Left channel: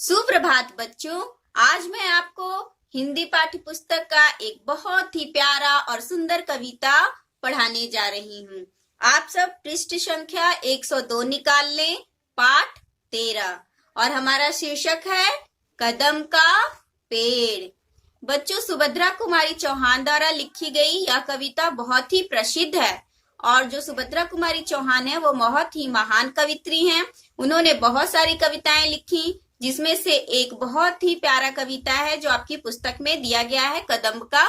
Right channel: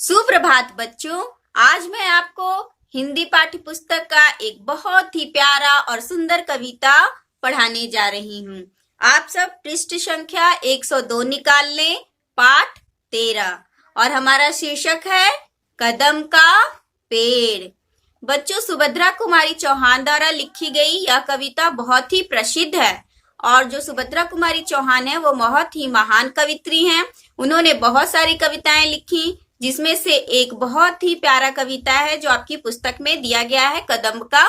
सुप्रभात बच्चों। आज मैं आपको हिंदी पाठ्य पुस्तक का एक बहुत ही प्यारा और सुंदर कविता पढ़ाने जा रही हूँ। आप सब पृष्ठ संख्या 102 निकाल लें। पाठ 13 और हमारा शीर्षक है कदम का पेड़। बच्चों, सुभद्रा कुमारी चौहान द्वारा लिखी गई यह कविता बहुत ही प्रसिद्ध है और जो सुभद्रा कुमारी चौहान है वो बहुत ही महान कवित्री हैं। उन्होंने बहुत सारी कविताएं लिखी, जिसमें से एक बहुत ही प्यारा कविता है जो आपकी पुस्तक में दिया गया है, कदम का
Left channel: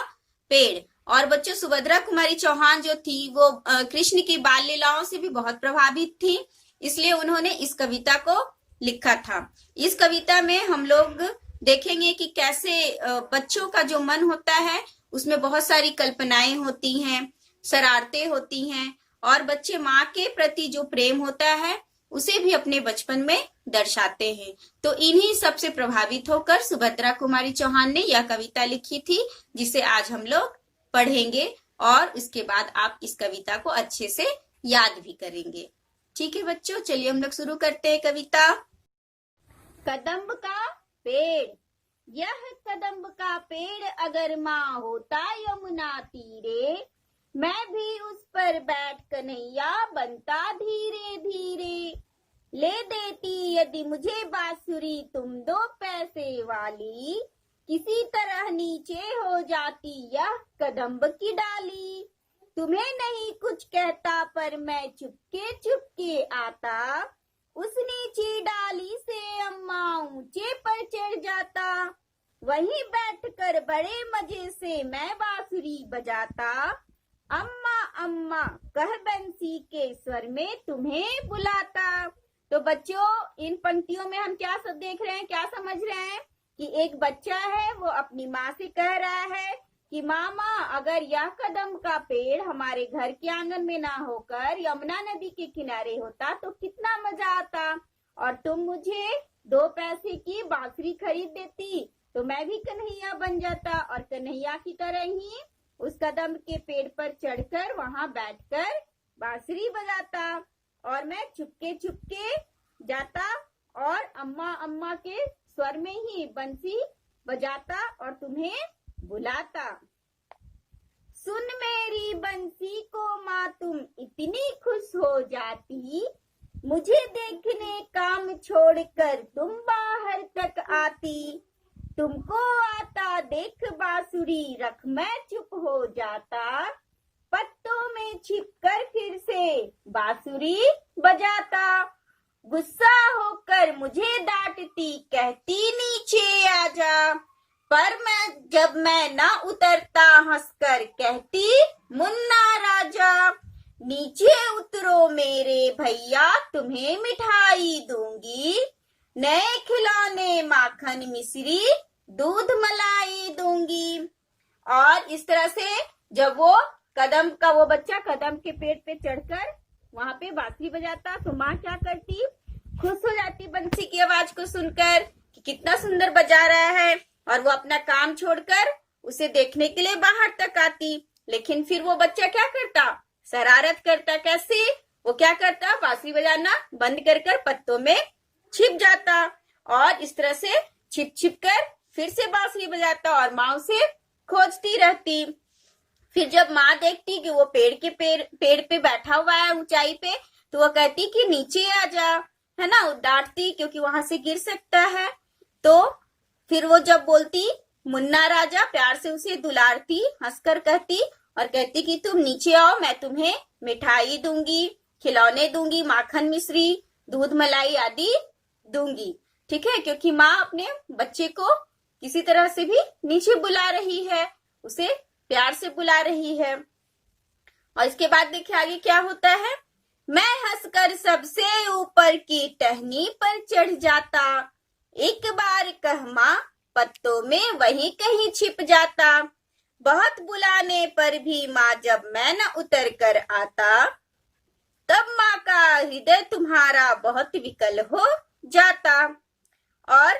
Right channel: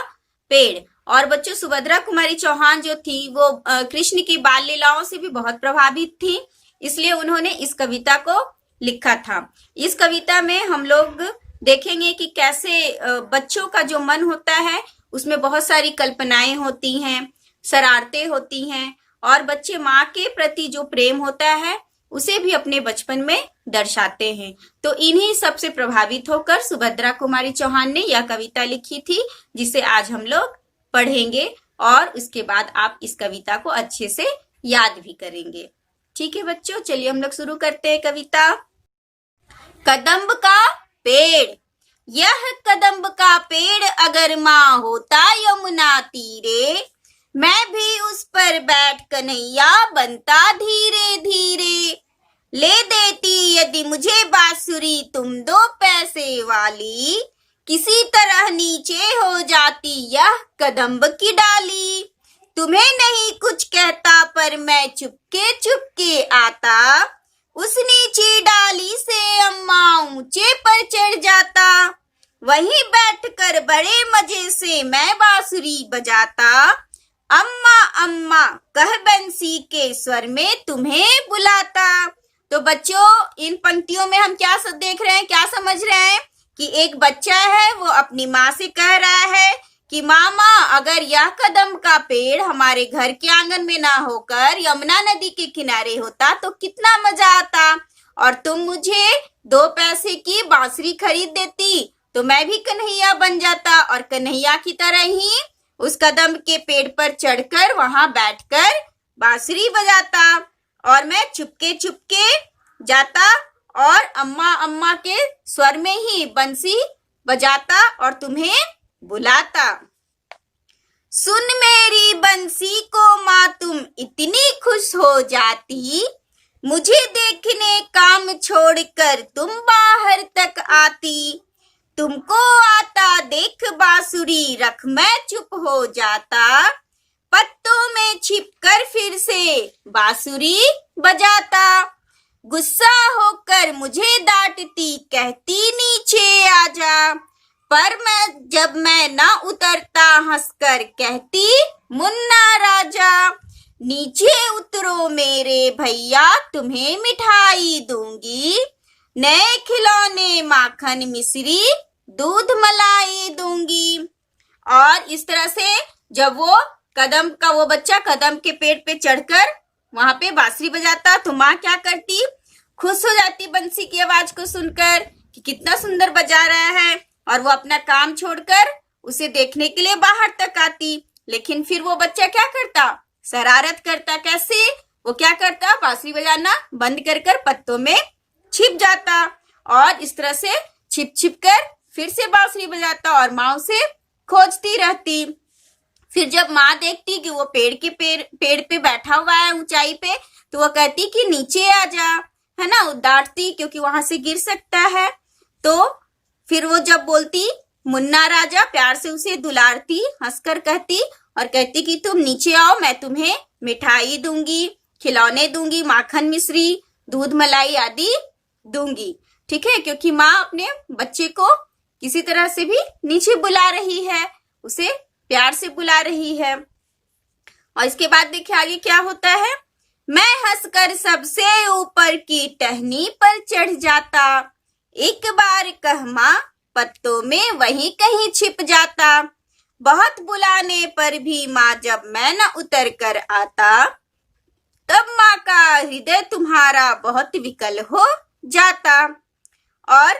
पेड़। और बच्चों, सुभद्रा कुमारी चौहान जो थी वो कृष्ण की बाल लीलाओं से भी बहुत प्रभावित थी, इसलिए उन्होंने इस कविता को लिखा था। इस कविता में हम लोग देखेंगे कि कैसे बच्चों का जो मन होता है उसमें बहुत सारी कल्पनाएं होती हैं, शरारतें होती हैं और बच्चे माँ के प्रति जो प्रेम होता है उसे भी अपने बचपन में दर्शाते हैं। तो इन्हीं सबसे प्रभावित होकर सुभद्रा कुमारी चौहान ने यह कविता लिखी थी, जिसे आज हम लोग पढ़ेंगे और उसके बाद आप इस कविता को अच्छे से याद भी करेंगे। ठीक है बच्चों, चलिए हम लोग शुरू करते हैं कविता। कदम्ब का पेड़। यह कदम्ब का पेड़ अगर माँ होता यमुना तीरे, मैं भी उस पर बैठ कन्हैया बनता धीरे धीरे। ले देती यदि मुझे बांसुरी तुम 2 पैसे वाली, किसी तरह नीचे हो जाती यह कदम्ब की डाली। तुम्हें नहीं कुछ कहता पर मैं चुपके चुपके आता, उस नीची डाली से अम्मा ऊंचे पर चढ़ जाता। वहीं बैठकर बड़े मजे से मैं बांसुरी बजाता, अम्मा अम्मा कह बंसी के स्वर में तुम्हें बुलाता। तो बच्चों, इन पंक्तियों में हम क्या देख रहे हैं, क्या समझ रहे हैं कि एक बच्चा है वो अपनी माँ से कह रहा है कि मामा, अगर यह कदम का पेड़ हमारे घर के आंगन में ना होकर यमुना नदी के किनारे होता तो कितना मजा आता, और तुम मुझे 2 पैसे की बांसुरी खरीद देती तो मैं भी कन्हैया बन जाता और कन्हैया की तरह ही उस कदम के पेड़ पर चढ़कर वहां बैठकर बांसुरी बजाता और मैं चुपके चुपके जाता और अम्मा अम्मा के स्वर में ही बंसी बजाता और तुम्हें बुलाता। सुन मेरी बंसी को माँ तुम इतनी खुश हो जाती, मुझे देखने काम छोड़कर तुम बाहर तक आती। तुमको आता देख बांसुरी रख मैं चुप हो जाता, पत्तों में छिपकर फिर से बांसुरी बजाता। गुस्सा होकर मुझे डांटती कहती नीचे आजा, पर जब मैं ना उतरता हंसकर कहती मुन्ना राजा। नीचे उतरो मेरे भैया तुम्हें मिठाई दूंगी, नए खिलौने माखन मिश्री दूध मलाई दूंगी। और इस तरह से जब वो कदम का वो बच्चा कदम के पेड़ पे चढ़कर वहां पे बांसुरी बजाता तो माँ क्या करती, खुश हो जाती बंसी की आवाज को सुनकर कि कितना सुंदर बजा रहा है, और वो अपना काम छोड़कर उसे देखने के लिए बाहर तक आती। लेकिन फिर वो बच्चा क्या करता, शरारत करता। कैसे? वो क्या करता, बांसुरी बजाना बंद कर पत्तों में छिप जाता और इस तरह से छिप छिप कर फिर से बांसुरी बजाता और माँ उसे खोजती रहती। फिर जब माँ देखती कि वो पेड़ पे बैठा हुआ है ऊंचाई पे, तो वो कहती कि नीचे आ जा, है ना, डांटती क्योंकि वहां से गिर सकता है। तो फिर वो जब बोलती मुन्ना राजा, प्यार से उसे दुलारती, हंसकर कहती और कहती कि तुम नीचे आओ, मैं तुम्हें मिठाई दूंगी, खिलौने दूंगी, माखन मिश्री दूध मलाई आदि दूंगी। ठीक है, क्योंकि माँ अपने बच्चे को किसी तरह से भी नीचे बुला रही है, उसे प्यार से बुला रही है। और इसके बाद देखिए आगे क्या होता है। मैं हंसकर सबसे ऊपर की टहनी पर चढ़ जाता, एक बार कह माँ पत्तों में वहीं कहीं छिप जाता। बहुत बुलाने पर भी माँ जब मैं न उतर कर आता, तब माँ का हृदय तुम्हारा बहुत विकल हो जाता। और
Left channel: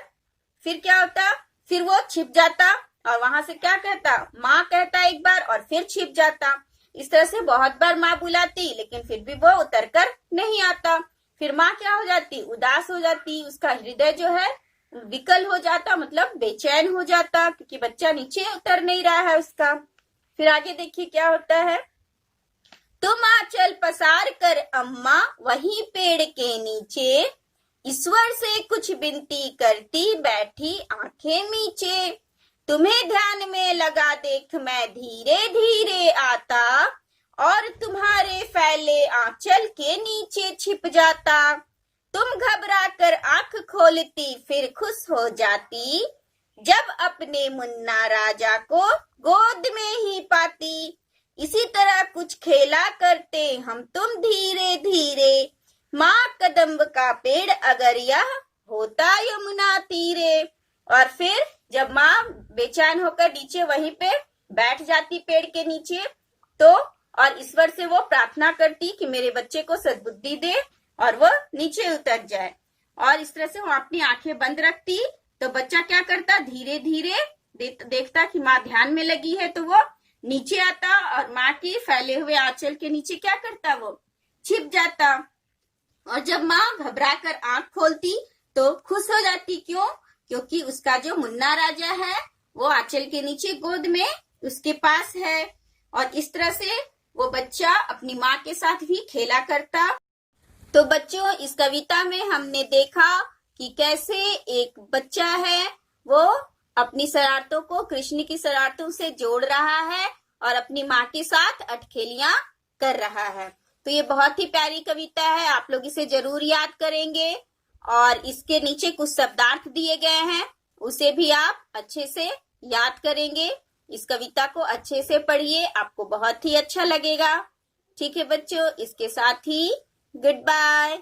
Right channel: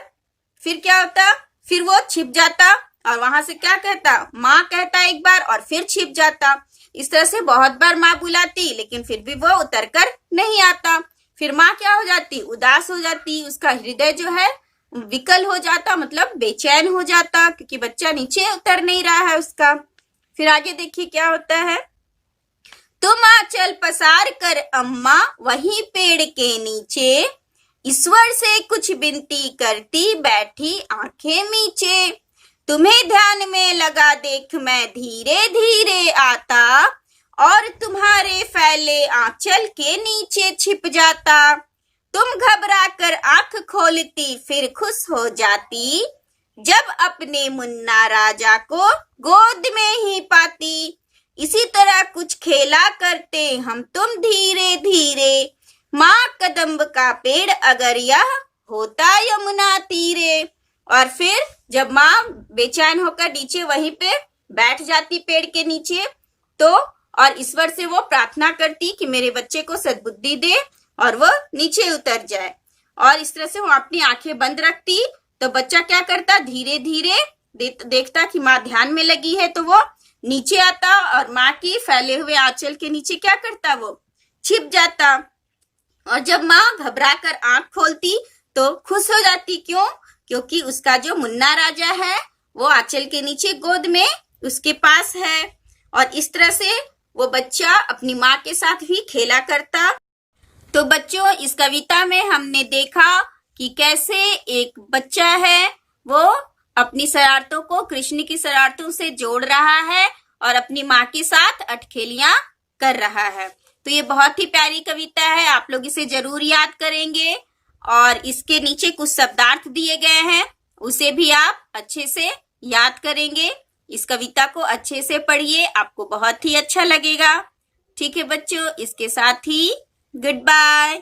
फिर क्या होता, फिर वो छिप जाता और वहां से क्या कहता, माँ कहता एक बार और फिर छिप जाता। इस तरह से बहुत बार माँ बुलाती लेकिन फिर भी वो उतर कर नहीं आता। फिर माँ क्या हो जाती, उदास हो जाती, उसका हृदय जो है विकल हो जाता, मतलब बेचैन हो जाता, क्योंकि बच्चा नीचे उतर नहीं रहा है उसका। फिर आगे देखिए क्या होता है। तुम आंचल पसार कर अम्मा वहीं पेड़ के नीचे, ईश्वर से कुछ विनती करती बैठी आंखें मीचे। तुम्हें ध्यान में लगा देख मैं धीरे धीरे आता, और तुम्हारे फैले आंचल के नीचे छिप जाता। तुम घबरा कर आंख खोलती फिर खुश हो जाती, जब अपने मुन्ना राजा को गोद में ही पाती। इसी तरह कुछ खेला करते हम तुम धीरे धीरे, माँ कदम्ब का पेड़ अगर यह होता यमुना तीरे। और फिर जब माँ बेचैन होकर नीचे वहीं पे बैठ जाती पेड़ के नीचे, तो और ईश्वर से वो प्रार्थना करती कि मेरे बच्चे को सद्बुद्धि दे और वो नीचे उतर जाए। और इस तरह से वो अपनी आंखें बंद रखती, तो बच्चा क्या करता, धीरे धीरे देखता कि माँ ध्यान में लगी है, तो वो नीचे आता और माँ की फैले हुए आंचल के नीचे क्या करता, वो छिप जाता। और जब माँ घबरा कर आंख खोलती तो खुश हो जाती। क्यों? क्योंकि उसका जो मुन्ना राजा है वो आंचल के नीचे गोद में उसके पास है। और इस तरह से वो बच्चा अपनी माँ के साथ भी खेला करता। तो बच्चों, इस कविता में हमने देखा कि कैसे एक बच्चा है वो अपनी शरारतों को कृष्ण की शरारतों से जोड़ रहा है और अपनी माँ के साथ अटखेलियां कर रहा है। तो ये बहुत ही प्यारी कविता है, आप लोग इसे जरूर याद करेंगे। और इसके नीचे कुछ शब्दार्थ दिए गए हैं, उसे भी आप अच्छे से याद करेंगे। इस कविता को अच्छे से पढ़िए, आपको बहुत ही अच्छा लगेगा। ठीक है बच्चों, इसके साथ ही गुड बाय।